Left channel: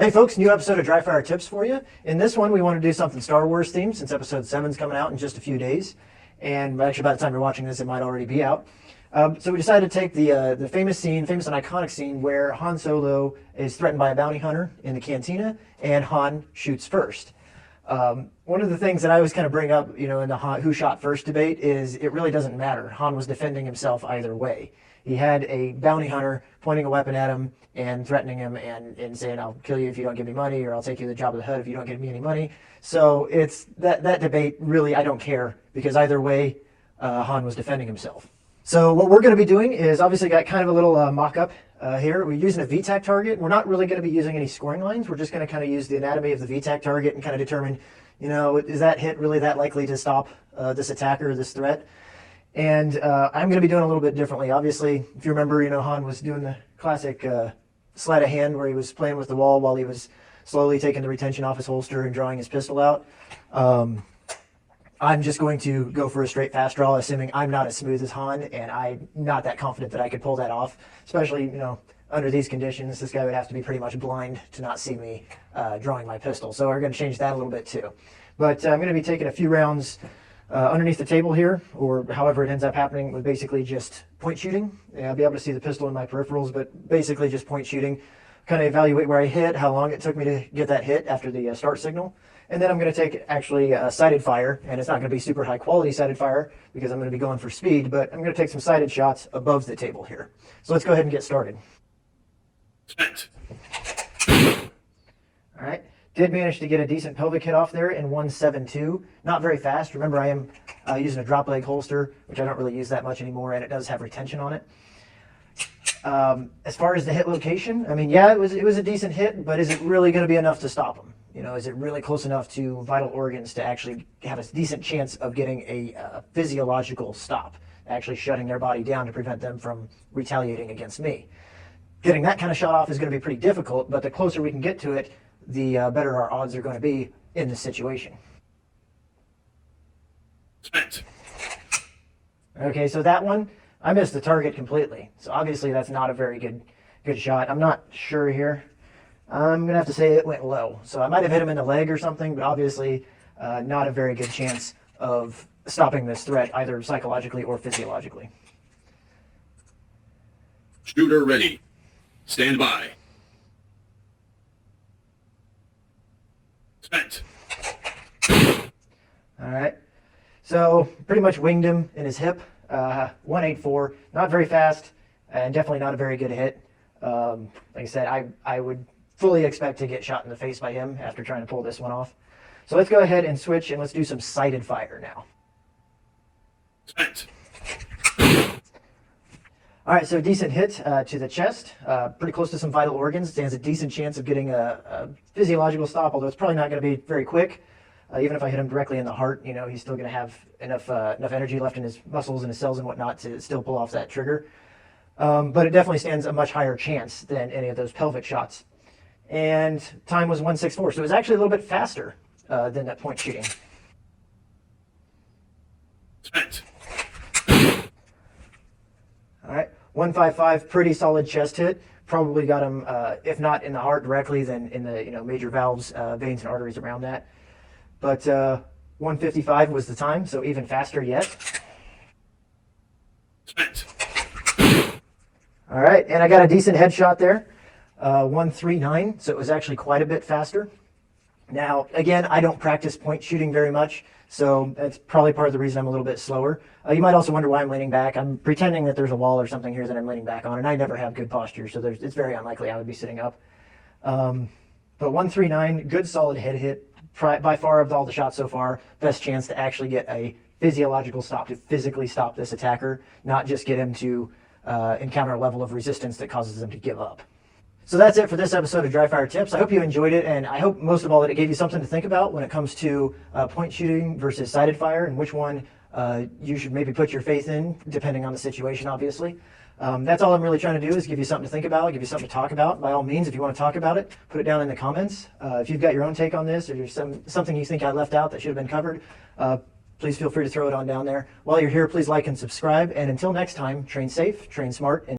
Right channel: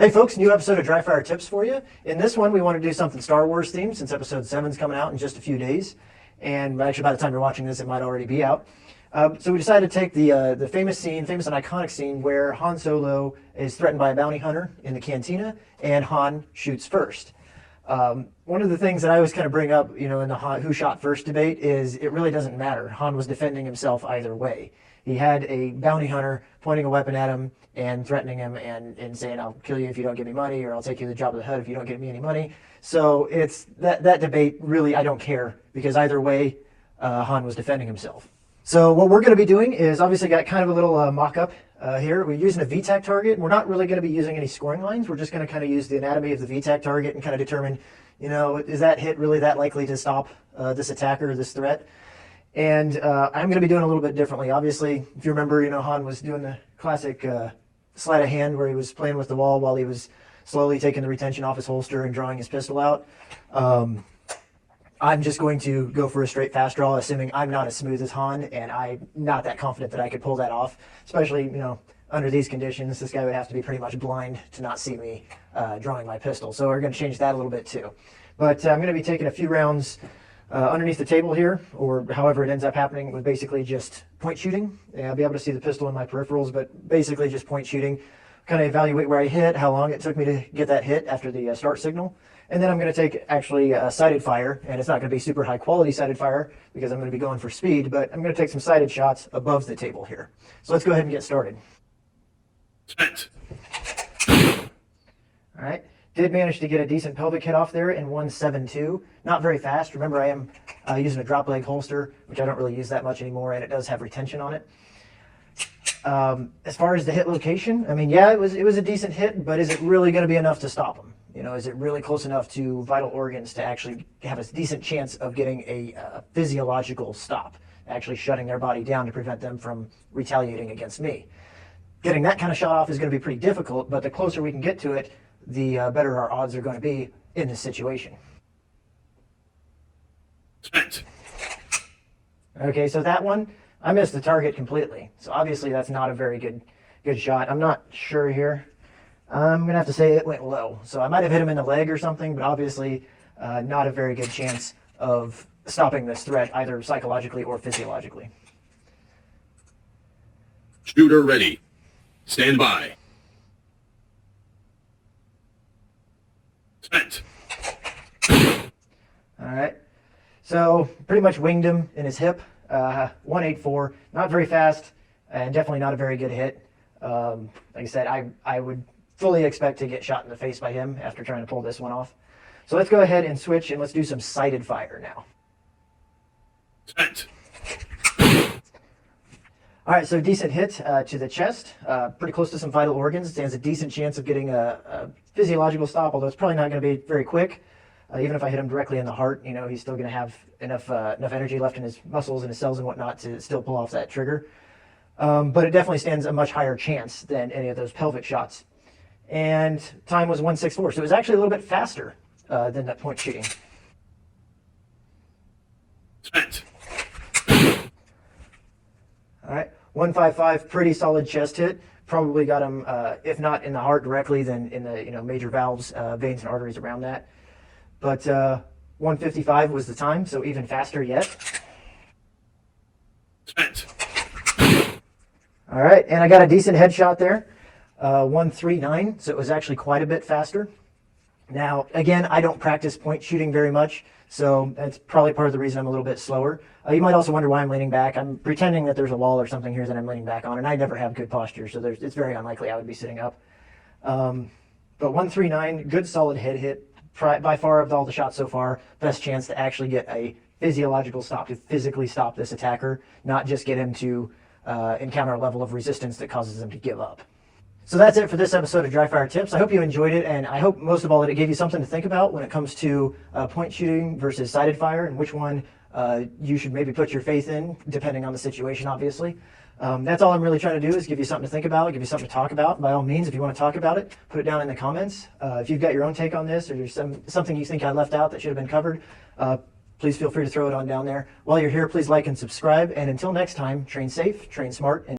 Hey folks, new episode of Dryfire tips for you. In this one, we want to do something Star Wars themed since episode 7 is coming out in just a few days. And actually, by the time you're watching this, it might already be out. So we decided to take the famous and iconic scene where Han Solo is threatened by a bounty hunter in the Cantina, and Han shoots first. One of the things that I always kind of bring up, in the who shot first debate is it really doesn't matter. Han was defending himself either way. He had a bounty hunter pointing a weapon at him and threatening him and saying, I'll kill you if you don't give me money, or I'll take you to the job of the hood if you don't give me any money. So it's that debate, really, I don't care, because either way, Han was defending himself. So what we're going to be doing is obviously got kind of a little mock-up here. We're using a VTAC target. We're not really going to be using any scoring lines. We're just going to kind of use the anatomy of the VTAC target and kind of determine, is that hit really that likely to stop this attacker or this threat? And I'm going to be doing a little bit differently. Obviously, if you remember, Han was doing the classic sleight of hand where he was playing with the wall while he was slowly taking the retention off his holster and drawing his pistol out. I'm just going to go for a straight fast draw, assuming I'm not as smooth as Han, and I'm not that confident that I could pull that off, especially, under these conditions. This guy would have to be pretty much blind to not see me drawing my pistol. So we're going to change that a little bit too. But I'm going to be taking a few rounds underneath the table here, or however it ends up happening, with basically just point shooting. I'll be able to see the pistol in my peripherals, but basically just point shooting. Kind of evaluate where I hit, how long it took me to get that hit after the start signal. And then I'm going to take actually sighted fire, and it's not going to be super high quality sighted fire because I'm going to be going for speed, but I'm going to take some sighted shots above the table here. So let's go ahead and get started. Spent. All right. Did manage to get a decent pelvic hit off there in 1.72. Not very fast. Remember, I am using a drop leg holster, which I don't really use that much anymore, and it does have retention on it. As far as the hit location, I mean, yeah, it was a decent hit, but is it really going to be enough to stop him? Is it really close enough to vital organs to actually have a decent chance of getting a physiological stop, actually shutting their body down to prevent them from retaliating against me? Getting that kind of shot off is going to be pretty difficult, but the closer we can get to it, the better our odds are going to be in this situation. Spent. Okay, so that one, I missed the target completely. So obviously that's not a very good shot. I'm not sure here. I'm going to have to say it went low. So I might have hit him in the leg or something, but obviously not a very good chance of stopping this threat, either psychologically or physiologically. Shooter ready. Stand by. Spent. All right. So pretty much winged him in his hip. 184. Not very fast, and definitely not a very good hit. Like I said, I would fully expect to get shot in the face by him after trying to pull this one off. So let's go ahead and switch, and let's do some sighted fire now. Spent. All right, so decent hit to the chest, pretty close to some vital organs. Stands a decent chance of getting a physiological stop, although it's probably not going to be very quick. Even if I hit him directly in the heart, he's still going to have enough energy left in his muscles and his cells and whatnot to still pull off that trigger. But it definitely stands a much higher chance than any of those pelvic shots. And time was 1.64, so it was actually a little bit faster than that point shooting. Spent. All right, 155, pretty solid chest hit. Probably got him, if not in the heart directly, then in the major valves, veins and arteries around that. But 155 was the time, so even faster yet. Spent. All right, and I got a decent headshot there. 139, so it was actually quite a bit faster. Now, again, I don't practice point shooting very much, so that's probably part of the reason I'm a little bit slower. You might also wonder why I'm leaning back. I'm pretending that there's a wall or something here that I'm leaning back on, and I never have good posture, so it's very unlikely I would be sitting up. But 139, good solid head hit. By far of all the shots so far, best chance to actually get a physiological stop, to physically stop this attacker, not just get him to encounter a level of resistance that causes him to give up. So that's it for this episode of Dryfire Tips. I hope you enjoyed it, and I hope most of all that it gave you something to think about when it comes to point shooting versus sighted fire, and which one you should maybe put your faith in, depending on the situation, obviously. That's all I'm really trying to do, is give you something to think about, give you something to talk about. By all means, if you want to talk about it, put it down in the comments. If you've got your own take on this, or there's something you think I left out that should have been covered, please feel free to throw it on down there. While you're here, please like and subscribe. And until next time, train safe, train smart, and